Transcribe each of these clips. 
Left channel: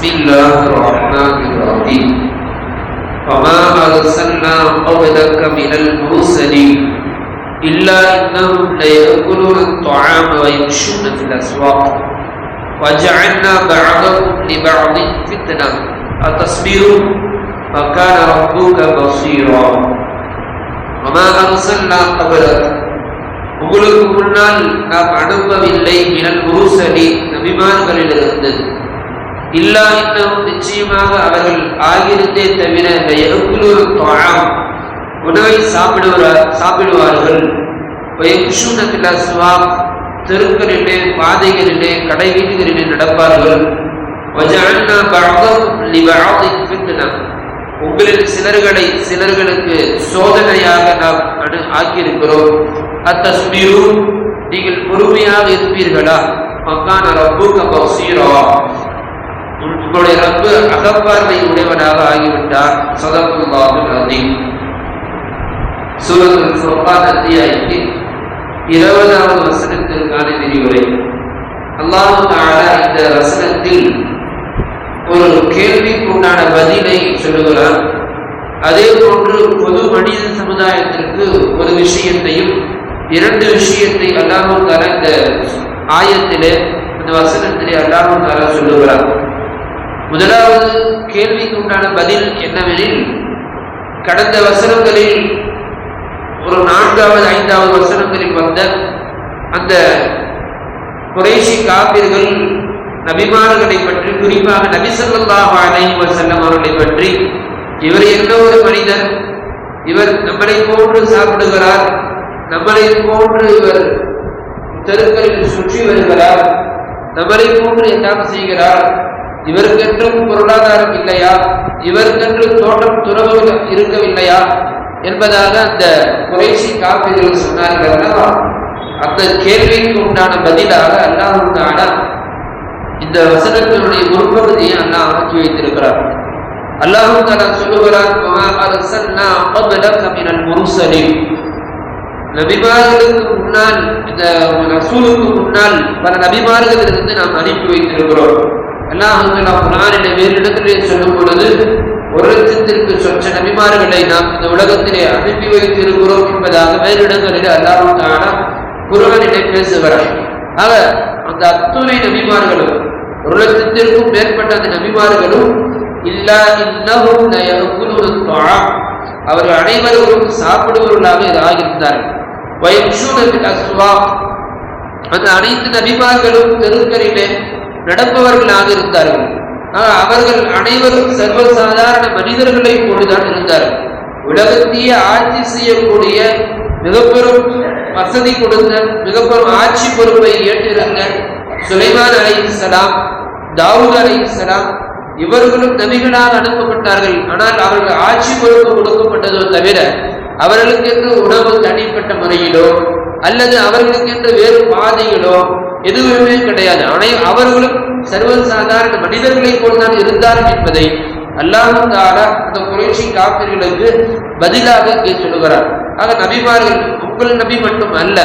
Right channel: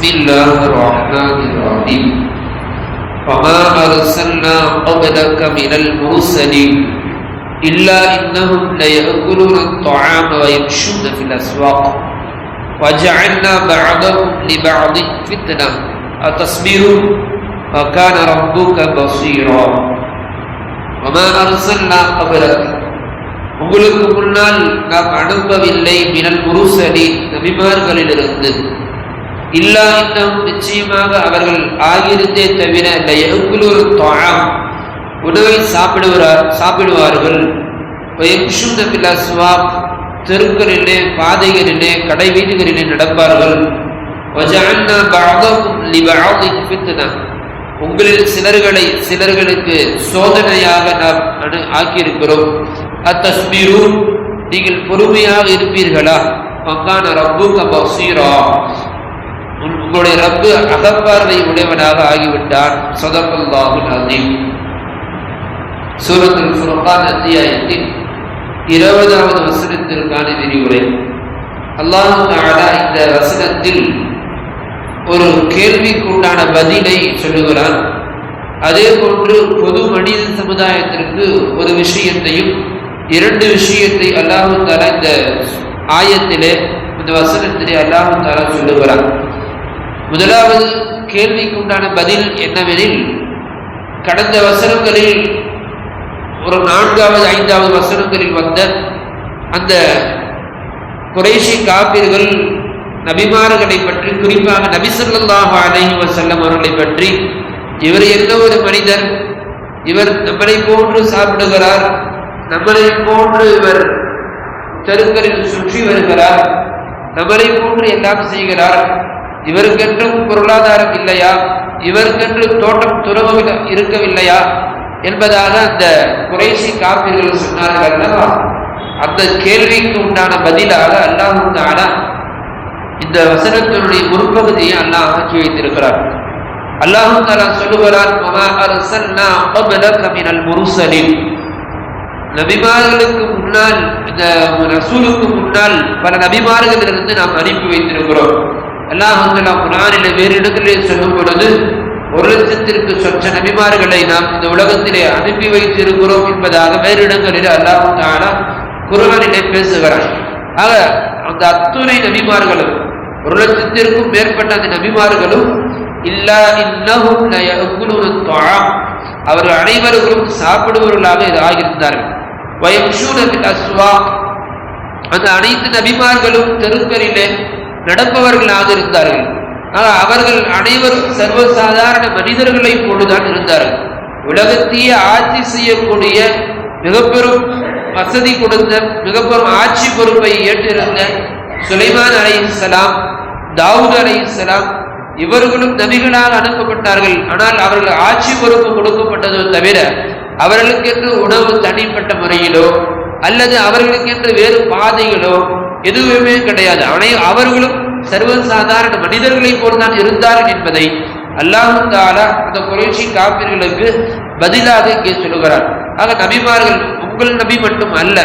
بسم الله الرحمن الرحيم وما أرسلنا قبلك من المرسلين إلا إنهم ليأكلون الطعام ويمشون في الأسواق وجعلنا بعضهم لبعض فتنة أتصبرون وكان ربك بصيرا وما أرسلنا قبلك உங்களுக்கு முன்னால் நாம் அனுப்பவில்லை மினல் முருசலின் நபிமார்களிலிருந்து இல்லா இன்னும் நிச்சயமாக அவர்கள் ஆகியிருந்தே தவிர உணவை சாப்பிடுவார்கள் தெருக்களிலே பாதைகளிலே கடை வீடுகளிலே நடப்பார்கள் உங்களில் சிலர்களுக்கு சோதனையாக நாம் ஆக்கியிருக்கிறோம். அத்தஸ்பீரு நீங்கள் பொறுமையாக இருப்பீர்களா? வக்கான ரப்புக பஸீரா உங்களுடைய ரப்பு அகப்பார்வை உடையவனாக ஆகிவிட்டார். ஸதகல்லாஹுல் அஸீம். சூரத்துல் ஃபுர்கான் அத்தியாயத்தின் 20வது வசனத்திற்கான விரிவுரை. அல்லாஹ் தஆலா இந்த வசனத்தில் ஒரு கேள்விக்குண்டான பதிலை சொல்லுகிறார். அதே போன்று பொது மனித சமுதாயத்திற்கு ஒரு விஷயத்தையும் 2 விஷயத்தை அல்லாஹ் தஆலா இந்த ஆயத்திலே இந்த வசனத்திலே அல்லாஹ் தஆலா சொல்லுகிறார். முதலாவது கேள்விக்குண்டான பதில் என்னவெனில், கடந்த வசனங்களில் ஒரு 4வது 5வது வசனங்களில் வந்த அந்த குறைஷி காபிர்கள் நபிமார்களை பற்றி, குறிப்பாக நபி ஸல்லல்லாஹு அலைஹி வஸல்லம் அவர்களை பற்றி, இவர் என்ன ஒரு மனிதர், இவர் நம்மளை போன்று சாப்பிடுகிறார், நம்மளை போன்று இவர் தெருக்களில் சுற்றி வருகிறார், நம்மளை போன்று எல்லாம் செய்கிறார், இவருக்கென்றும் பொருளாதாரம் இல்லையா, இவருக்கென்று தோட்டம் துறவு இருக்கவில்லையா என்பதாக அந்த குறைஷி காபிர்கள் சொன்னார்கள். அந்த கேள்விக்கு உண்டான பதிலாக அல்லாஹ் தஆலா இந்த வசனத்தினுடைய முற்பகுதியை அல்லாஹ் ஆக்கி வைத்திருக்கிறார். அல்லாஹ் தஆலா சொல்லுகிறார், வமா அர்ஸல்னா கப்லக மினல் முர்ஸலின். நபிமார்களுக்கு முன்னால், இந்த ரசூலுக்கு முன்னால் பல நபிமார்கள் இருந்து நாம் அனுப்பி வைத்திருக்கிறோம். அல்லாஹ் தஆலா குர்ஆனிலே வேறு இடத்திலே சொல்லும் பொழுது 1,00,000ற்கு சொச்ச நபிமார்களை நாம் இந்த உலகத்திலே அனுப்பி வைத்திருக்கிறோம் என்பதாக வேறு இடங்களில் அல்லாஹ் தஆலா குர்ஆனிலே பேசுகிறார். ஆக அந்த அத்துணை நபிமார்களும் 1,00,000க்கும் மேற்பட்ட அந்த நபிமார்களும் இல்லா இன்னஹும் லயஅகுலுன த்ஆம், அவர்கள் அனைவரும் சாப்பிடுபவர்களாக ஆகியிருந்தார்கள். வயம்ஷூன ஃபில் அஸ்வாக், அந்த அனைத்து நபிமார்களும் தெருக்களிலே நடப்பவர்களாக இருந்தார்கள். அவர்கள் அனைவரும் சர்வசாதாரண மனிதர்களை போலதான் இருந்தார்கள். உலகத்தையே ஆட்சி செய்யக்கூடிய மிகப்பெரும் வசதி கொடுத்த, மிகப்பெரும் ஆட்சி பொறுப்பை ஏற்றிருந்த சுலைமான் அலைஹிஸ்ஸலாம், தாவூத் அலைஹிஸ்ஸலாம் இவர்களும் நபிகளாக அனுப்பப்பட்டார்கள். ஆனால் அவர்கள் ஆட்சி பொறுப்பு கொடுக்கப்பட்டதோ தவிர அவர்களுக்கென்று உணவு தனிப்பட்ட முறையிலோ அல்லது அவர்களுக்கென்று வேறு பாதைகளோ எதுவுமே கிடையாது. அவர்களும் சர்வசாதாரண மனிதர்களை போல்தான் இருந்தார்கள் என்பதை அல்லாஹ் தஆலா அந்த குறைஷி காபிர்களுக்கு பதிலாக இங்கே சொல்லுகிறார். ஆக நபிமார்கள் உங்கள் நபி மட்டும் அல்ல,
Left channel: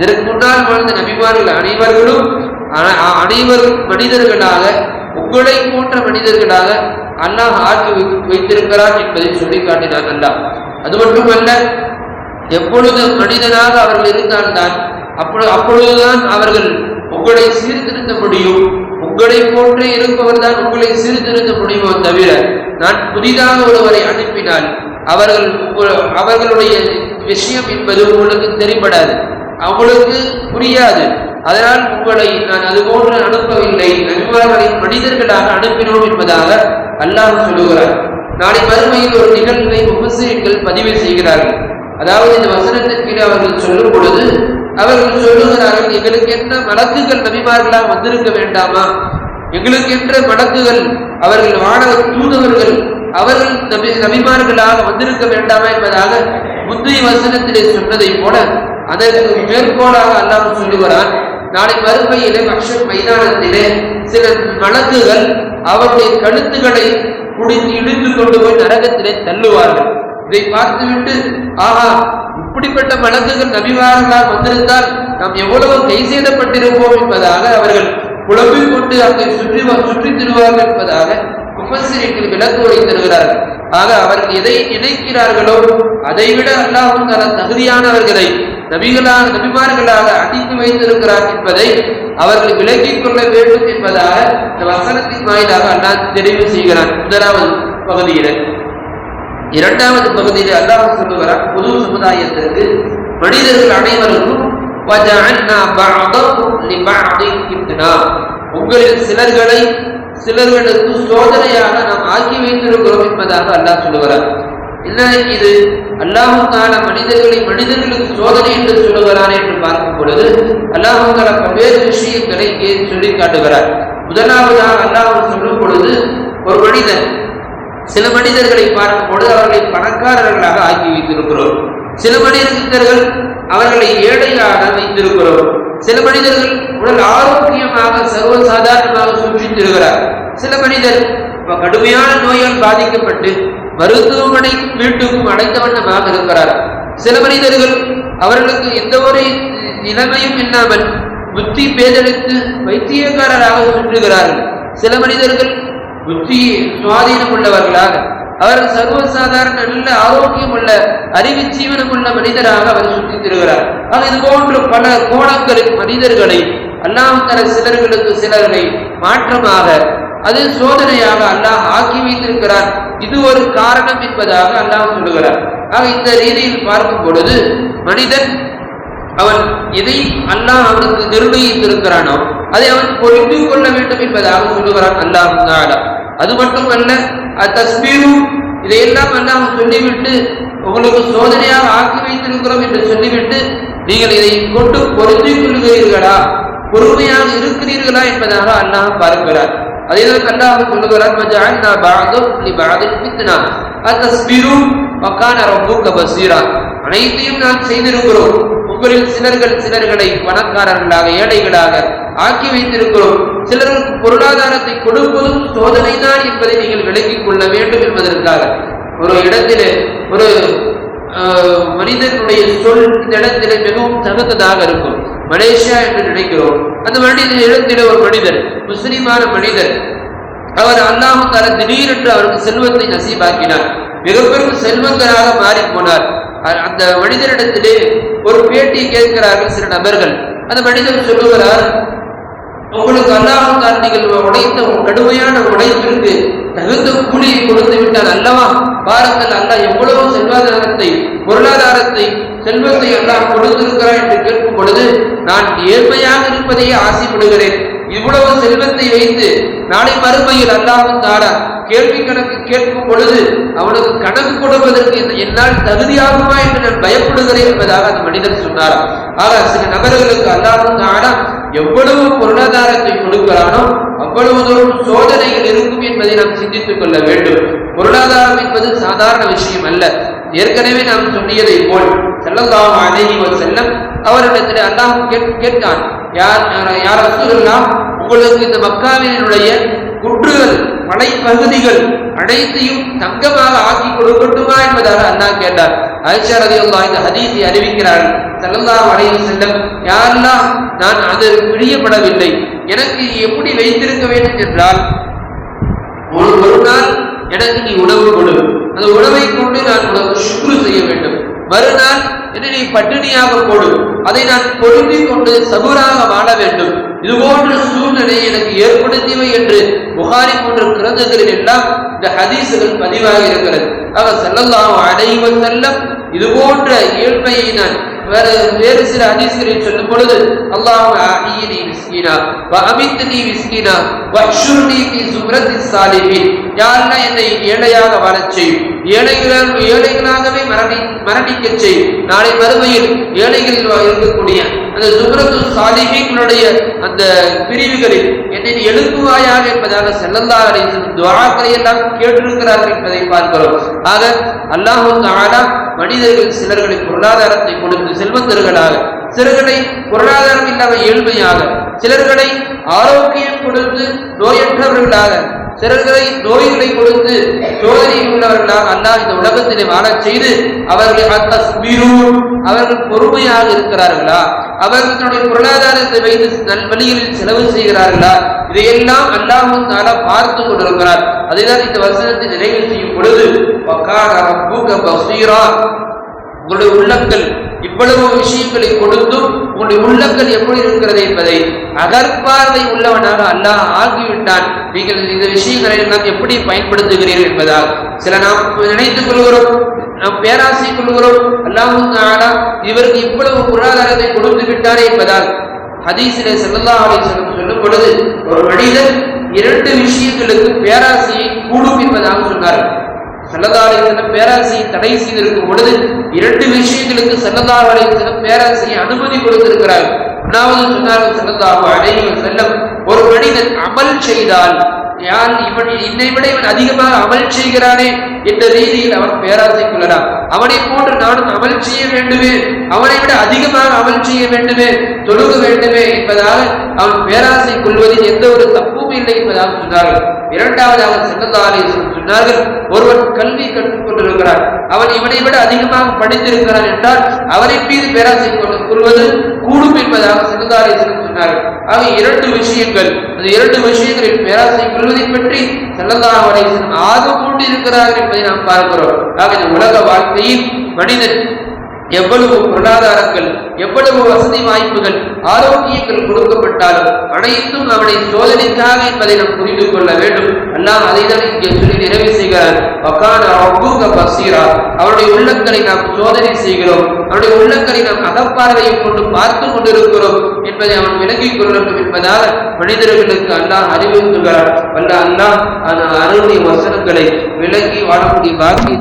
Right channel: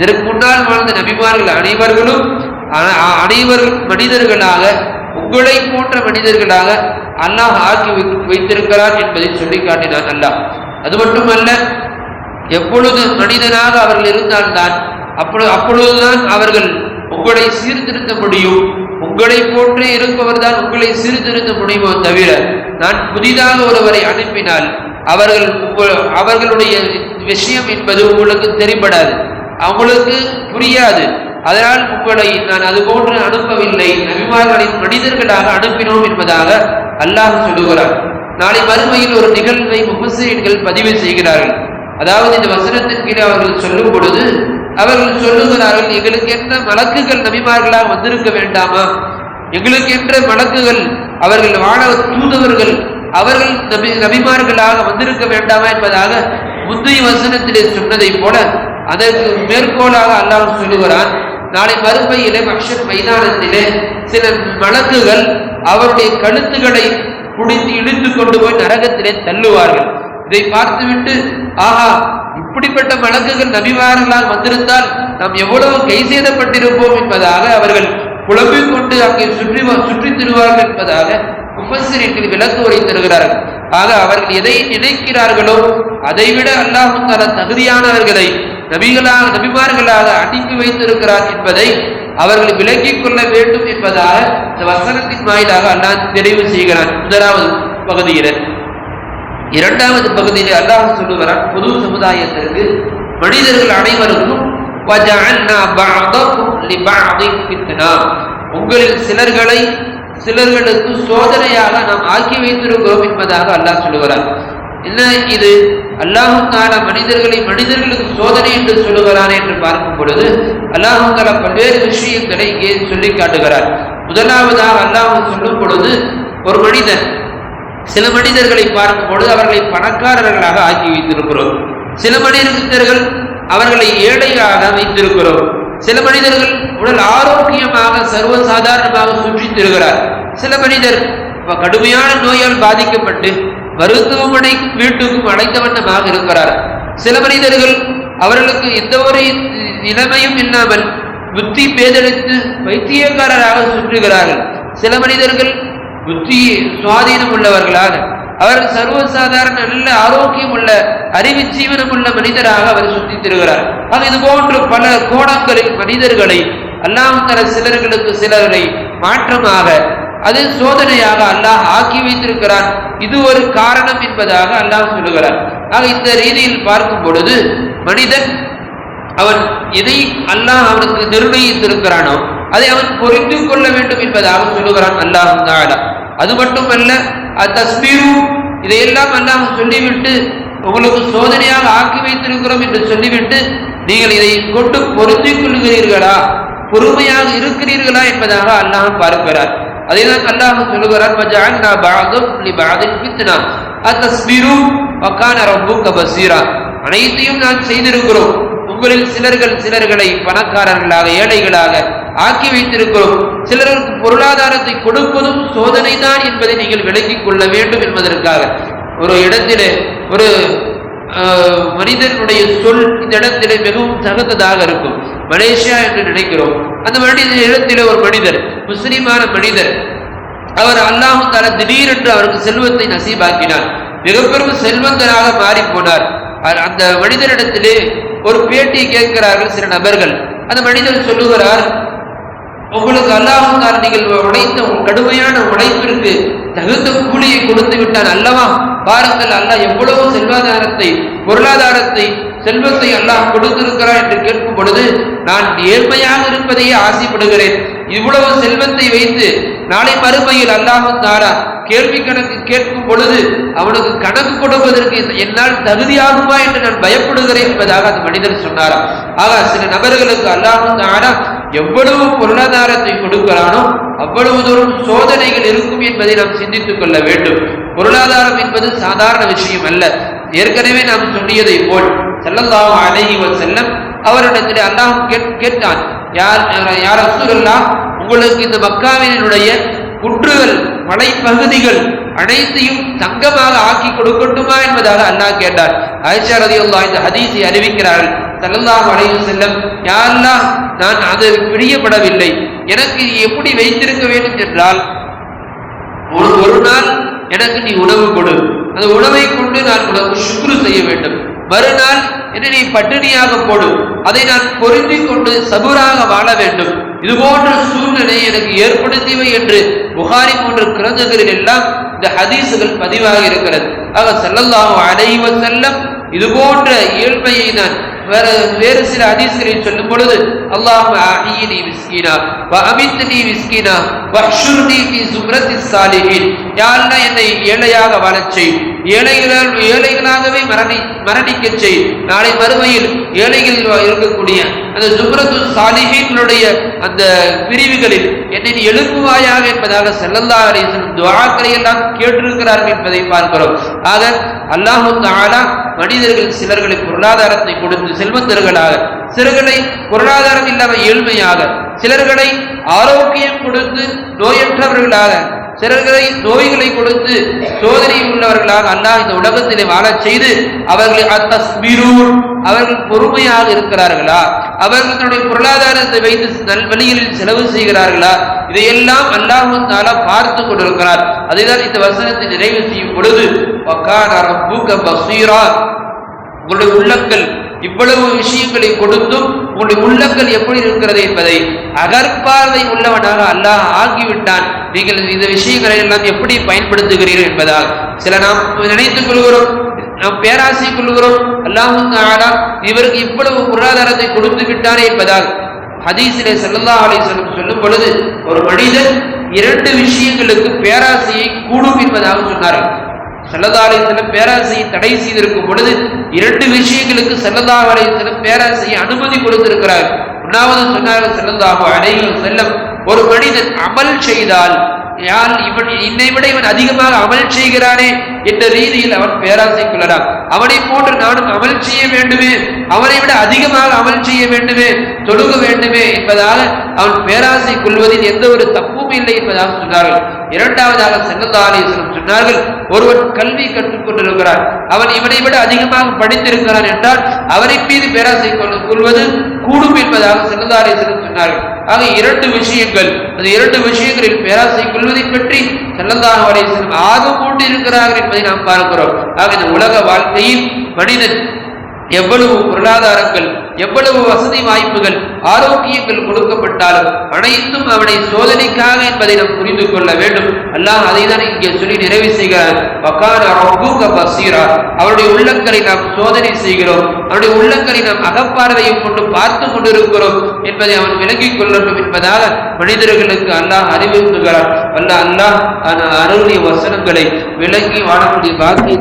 இதற்கு முன்னால் வாழ்ந்த நபிமார்கள் அனைவரும் மனிதர்களாக, உங்களை போன்ற மனிதர்களாக அல்லாஹ் ஆக்கி வைத்திருக்கிறார் என்பதை சொல்லி காட்டினான் அல்லாஹ். அது மட்டுமல்ல, எப்பொழுது மனிதனாக அவர்கள் இருந்தால்தான் அப்பொழுதுதான் அவர்கள் உங்களை சீர்திருத்த முடியும். உங்களை போன்றே இருப்பவர் தான் உங்களை சீர்திருத்த முடியுமோ தவிர, நான் புதிதாக ஒருவரை அனுப்பினால் அவர்களுடைய விஷயம் என்பது உங்களுக்கு தெரிபடாது, அவங்களுக்கு புரியாது. அதனால் உங்களை நான் அது போன்று அனுப்பவில்லை, நபிமார்களை மனிதர்களாக அனுப்பினோம் என்பதாக அல்லாஹ் சொல்லுகிறார். நாளை மறுமையில் ஒரு நிகழ்வை முஃபஸ்ஸிரீன்கள் பதிவு செய்கிறார்கள். அதாவது இந்த வசனத்திற்கு அவர்கள் சொல்லும் பொழுது அவர்கள் சொல்லுகிறார்கள், எங்களுக்கு என்ன மலக்குகள் நபிமார்களாக வந்திருக்க வேண்டாமா, எங்களுக்கு என்ற மலக்குகள், அவர்கள் வானவ தூதவர்கள், அவர்கள் நபிமார்களாக வந்திருக்க வேண்டாமா என்பதாக முந்தைய வசனத்திலே சொன்னதை போல அதற்கு மேற்கோளாக அல்லாஹ் சொல்லுகிறான். நாளை மறுமையிலே மஹ்ஷர் மைதானத்திலே சில மலக்குகள் அவருடைய கழுத்துக்களை குடித்து இழுத்து கொண்டு போய் நரகத்திலே தள்ளுவார்கள். இதை பார்த்துவிட்டு, ஆஹா, இப்படிப்பட்ட மலக்குகள் நபிமார்களால் வந்திருந்தால் நாம் எவ்வளவு கை செய்தப்பட்டிருப்போம் என்பதாக அவர்கள் குழம்பிக் கொண்டு அங்கே சுற்றி திருவார்கள் என்பதாக முஃபஸ்ஸிரீன்கள் விளக்குரை தருகிறார்கள். ஆக அவர்கள் எதை நினைக்கிறார்களோ அதைவிட அல்லாஹ் தஆலா தகுதியானவர்களை நபிமார்களாக அடித்து வைத்திருக்கிறார் என்பதை அவர்கள் விளங்கிக் கொள்ள வேண்டும் என்பதாக இந்த வசனத்தின் வாயிலாக அல்லாஹ் தெரிவு செய்கிறார். முதலாவது பகுதியில. இரண்டாவது பகுதியிலே அல்லாஹ் சொல்லுகிறார், பொது சமுதாயத்திற்கு மனிதர்கள் அனைவருக்கும் உங்களில் சிலர்களுக்கு சோதனையாக நாம் ஆக்கி வைத்திருக்கிறோம் என்பதாக அல்லாஹ் சொல்லுகிறார். என்ன இது? அல்லாஹ் தஆலா மனிதர்களுக்கு சோதனை என்று சொல்லுகிறார் என்று பார்க்கும் பொழுது அல்லாஹ் தஆலா பல்வேறு விஷயங்களை இங்கே சொல்லி காட்டுகிறார். முதலாவதாக அல்லாஹ் சொல்லும் பொழுது ஒரு மனிதன், சில மனிதர்களை பார்க்கும் பொழுது அவர்களை பணக்காரர்களாக ஆக்கி வைத்திருக்கிறோம். சில மனிதர்கள் அவர்களை ஏழையாக வைத்திருக்கிறோம். சில மனிதர்கள் உடல் ஆரோக்கியமாக சர்வசாதாரணமாக சுற்றி திருகிறார். சில மனிதர் கடுமையான நோயால் பாதிக்கப்பட்டு மருத்துவமனை வீட்டுக்கும் அடைந்த வண்ணமாக இருக்கிறார். சில மனிதர்கள் அவர்களுக்கு எந்த ஒரு நிலைமையும் இல்லாமல் புத்தி பேதெடுத்து வைத்தியக்காரராக சுற்றுகிறார்கள். சில மனிதர்கள் புத்தி சுவாதீனம் உள்ளவர்களாக, அவர் சர்வசாதாரண நல்ல ஆரோக்கியம் உள்ள அறிவு ஜீவனம் உள்ள மனிதராக அவர் சுற்றி திருகிறார். ஆக இது போன்று பல கோணங்களில் மனிதர்களை அல்லாஹ் தஆலா சிலர்களுக்கு சிலர்களை மாற்றமாக அது சோதனையாக அல்லாஹ் ஆக்கி வைத்திருக்கிறார். இது ஒரு காரணம் என்பதாக அல்லாஹ் சொல்லுகிறார். ஆக இந்த ரீதியில் பார்க்கும் பொழுது மனிதன் அவன் எதை அல்லாஹ் அவனுக்கு நிர்ணயித்திருக்கிறானோ அதை அவன் பொறுத்து கொள்ள வேண்டும் என்பதாக சொல்லுகிறான் அல்லாஹ் தஆலா. அது மட்டுமல்ல, தஸ்பீரு இதையெல்லாம் அல்லாஹ் சொல்லிவிட்டு உங்களுக்கு சோதனையாக ஆக்கி வைத்திருக்கிறோம் என்று சொல்லிவிட்டு நீங்கள் இதை கொண்டு பொருத்திக் கொள்கிறீர்களா, பொறுமையாக இருக்கிறீர்களா என்பதாக அல்லாஹ் பார்க்கிறார். அதைதான் அல்லாஹ் சொல்லுகிறார், வஜஅல்னா பஅதுக்கும் லிபஅதின் ஃபித்னா அத்தஸ்பிரு வகான ரப்புக பஸீரா. அனைத்தையும் நான் செய்திருக்கிறோம். உங்களில் சிலர்களை பணக்காரர்களாக ஏழைகளாக ஆக்கி வைத்திருக்கிறோம். சிலருக்கு பொருளாதாரத்தை கொடுப்பதும் சோதனை தான் என்பதை நீங்கள் விளங்கிக் கொள்ள வேண்டும் என்பதற்காக. ஒரு இடத்திலே ஒரு மனிதனுடைய சொல் இந்த இடத்திலே மிகவும் தகுந்ததாக இருக்கும். மலேசியா என்று நினைக்கிறோம். அந்த இடத்திலே ஒரு மனிதர், முஸ்லிமான மனிதர், அவர் அல்லாஹ் தஆலா திடீரென்று அவருக்கு செல்வத்தை நசீபாக்கினார். மிகப்பெரும் செல்வந்தராக மாறி போனார். அந்த மனிதனிடத்திலே ஒரு பேட்டி கேட்கிறார்கள் சில நபர்கள். அந்த மனிதர் சொல்லுகிறார், உங்களுக்கு அல்லாஹ் தஆலா நீங்கள் உழைத்த கடுமையான உழைப்பிற்கு தகுந்த கூலியை கொடுத்து விட்டான் அல்லவா? பாருங்கள், அல்லாஹ் எவ்வளவு செல்வாதாரத்தை பொருளாதாரத்தை செல்வத்தை அல்லாஹ் கொடுத்திருக்கிறார் என்று கேட்கும் பொழுது நான் ஏழ்மையாக இருப்பதையே ஆசைப்படுகிறேன். இவ்வளவு செல்வத்தை வைத்து நாளை மறுமையில் அல்லாஹ் தஆலா கேள்வி கணக்கு கேட்கும் பொழுது அவனுக்கு கணக்கு கொடுப்பதற்கு என்னால் தகுதியாகுமா என்று நான் பயப்படுகிறேன் என்பதாக அந்த மனிதர் சொன்னார். ஆக சில நபர்களுக்கு அல்லாஹ் தஆலா எவ்வளவு பொருளாதாரத்தை கொடுக்கிறானோ அவ்வளவு தூரம் சோதனைகள் இருக்கும் என்பதை நாம் சிந்தித்துக் கொள்ள வேண்டும். பொருளாதாரம் என்பது சாதாரண விஷயம் அல்ல. ஏற்கனவே நாம் சொல்லியதை போல் ஸல்லல்லாஹு அலைஹி வஸல்லம் அவரிடத்தில் அல்லாஹ் கேட்கான், யார் ரசூலுல்லாஹ், உங்களுக்கு இந்த மக்காவினுடைய குன்றுகள் மலைப்பகுதிகள் அனைத்தையும் தங்கமாக ஆக்கி கொடுக்கட்டுமா என்பதாக அல்லாஹ் கேட்டார். ஆயிஷா ரலியல்லாஹு அன்ஹா இந்த ஹதீஸை அறிவிக்கிறார்கள். ஸல்லல்லாஹு அலைஹி வஸல்லம், யா அல்லாஹ், நான் அது பிரியப்படவில்லை. எனக்கு எப்படி வைத்திருக்க வேண்டும் என்றால், ஒரு நாள் எனக்கு நீ உணவு கொடு, அந்த உணவை கொண்டு நான் உனக்கு ஷுக்ரு செய்ய வேண்டும். மறுநாள் என்னை நீ பட்டினியாக போடு, அதை நான் பொருந்திக் கொண்டு சபூராக வாழ வேண்டும். இது போன்ற சூழ்நிலை எனக்கு ஏற்படுத்தியவை என்று புகாரி போன்ற கிரந்தங்களில் எல்லாம் இந்த ஹதீசுகள் பதிவாக இருக்கிறது. ஆக ஸல்லல்லாஹு அலைஹி வஸல்லம் இது போன்ற இயல்பையை நான் வேறு சில ஹதீஸ்களில் சொல்லும் பொழுது, அல்லாஹும்ம ஆஹினி மிஸ்கீனா வ அமித்னி மிஸ்கீனா வஹ்ஷுர்னி ஃபீ ஸும்ரத்திஸ் ஸாலிஹீன். யா அல்லாஹ், என்னை ஏழையாக வாழச் செய், ஏழைகளாகவே மரணிக்க செய். நாளை மறுமையில் ஏழைகளில் இருக்கக்கூடிய அந்த ஸும்ரத்து ஸாலிஹீன்களுடைய அந்த பிரிவுகளில் என்னை எழுப்புவாயாக என்பதாக ஸல்லல்லாஹு அலைஹி வஸல்லம் துஆக்களை எல்லாம் கேட்டிருக்கிறார்கள் என்பதை பார்க்கிறோம். ஆக அல்லாஹ் தஆலா மனிதர்கள் சிலர்களை பொருளாதாரத்தை கொடுத்து செல்வந்தர்களாக, சிலர்களை பொருளாதாரம் இல்லாமல் ஏழ்மையாக, சிலர்களை ஆரோக்கியம் கொடுத்து நோயற்றவர்களாக, சிலர்களை நோய்களை கொடுத்து சோதனை உள்ளவர்களாக அல்லாஹ் இந்த உலகத்திலே வாழச் செய்து அவர்களை அவர்கள் பொறுமையாக இருக்கிறார்களா, அவர்கள் தன்னுடைய பொருளாதாரத்தை வைத்து நல்வழியில் செலவு செய்கிறார்களா? இதையெல்லாம் அல்லாஹ் தஆலா பார்த்து கொண்டிருக்கிறார். அதுதான் இந்த வசனத்தை நிறைவு செய்யும் பொழுது வகான ரப்புக பஸீரா, உங்களுடைய உள்ளங்கள் இவ்வளவு விஷயங்களை கொடுத்தும் உங்களுடைய உள்ளங்கள் எப்படி இருக்கிறது என்பதை அகற்பார்வை உள்ளவனாக அல்லாஹ் ஆகிவிட்டான். நீங்கள் இந்த விஷயங்களை எல்லாம் எப்படி பயன்படுத்துகிறீர்கள் என்பதால் சில நாம் நினைத்துக் கொள்கிறோம், நாம் பேராசை கொள்கிறோம், அல்லாஹ் தஆலா இவருக்கு இவ்வளவு பொருளாதாரத்தை கொடுத்து விட்டாரே என்பதால் ஹதீஸிலே ஸல்லல்லாஹு அலைஹி வஸல்லம் சொல்லும் பொழுது ஒரு மனிதன் 2 விஷயங்களுக்கு பேராசையை கூடும் என்பதாக சொன்னார்கள். ஸல்லல்லாஹு அலைஹி வஸல்லம் பேராசையை தடை செய்திருக்கும் பொழுது 2 விஷயங்களுக்கு ஸல்லல்லாஹு அலைஹி வஸல்லம் பேராசையை அனுமதி கொடுத்திருக்கிறார். ஒன்றாவது சொன்னார்கள் ஸல்லல்லாஹு அலைஹி வஸல்லம், ஒரு மனிதன் அமல் செய்தால் யார் இவனை விட இவன் அதிகமாக அமல் செய்கிறானே என்ற ரீதியில் அவன் பேராசை கொள்ளலாம். அவனை போன்று நானும் அமல் செய்ய வேண்டுமே, அவனை விட அதிகமாக அமல் செய்ய வேண்டுமே, தொழுக வேண்டுமே என்பதால் அவன் பேராசை கொள்வதில் எந்த ஒரு தப்பும் இல்லை என்பதாக சொன்னார்கள். இரண்டாவதாக ஸல்லல்லாஹு அலைஹி வஸல்லம் சொன்னார்கள், ஒருவன் கல்வி கற்றுக் கொண்டிருக்கிறான், அவன் இவனை விட அதிகமாக படித்திருக்கிறான் என்றால் அவனை மீது பேராசை கொள்வது கூடும் என்பதாக ஸல்லல்லாஹு அலைஹி வஸல்லம் சொன்னார்கள். ஆக 2 விஷயங்கள், அந்த 2 விஷயங்களில் பேராசை கொள்வதை பற்றி ஸல்லல்லாஹு அலைஹி வஸல்லம் ஆர்வம் கொண்டு இருக்கிறார்கள் என்பதை நாம் பார்க்கிறோம். ஆக இந்த உலக வாழ்க்கையில் மனிதன் எவ்வளவு பொருளாதாரங்கள், எவ்வளவு வசதி வாய்ப்புகள், ஆரோக்கியங்கள் கொடுக்கப்பட்டாலும் அனைத்தும் அவனை சோதனைக்காக என்பதை நாம் புரிந்து கொள்ள வேண்டும். அல்லாஹ் அதைதான் இங்கே சொல்லி நிறைவு செய்கிறார். வகான ரப்புக பஸீரா, அவருடைய உள்ளங்களை நாம் சோதனை செய்கிறோம், அவருடைய உள்ளங்களை நாம் அகப்பார்வையை கொண்டு பார்த்து கொண்டிருக்கிறோம் என்பதை அவன் விளங்கிக் கொள்ளட்டும் என்பதாக மனிதர்களுக்கு அல்லாஹ் அறிவுறுத்துகிறார். அல்லாஹ் அந்த அருளிய வசனங்களை விளங்கி வாழக்கூடிய பாக்கியம்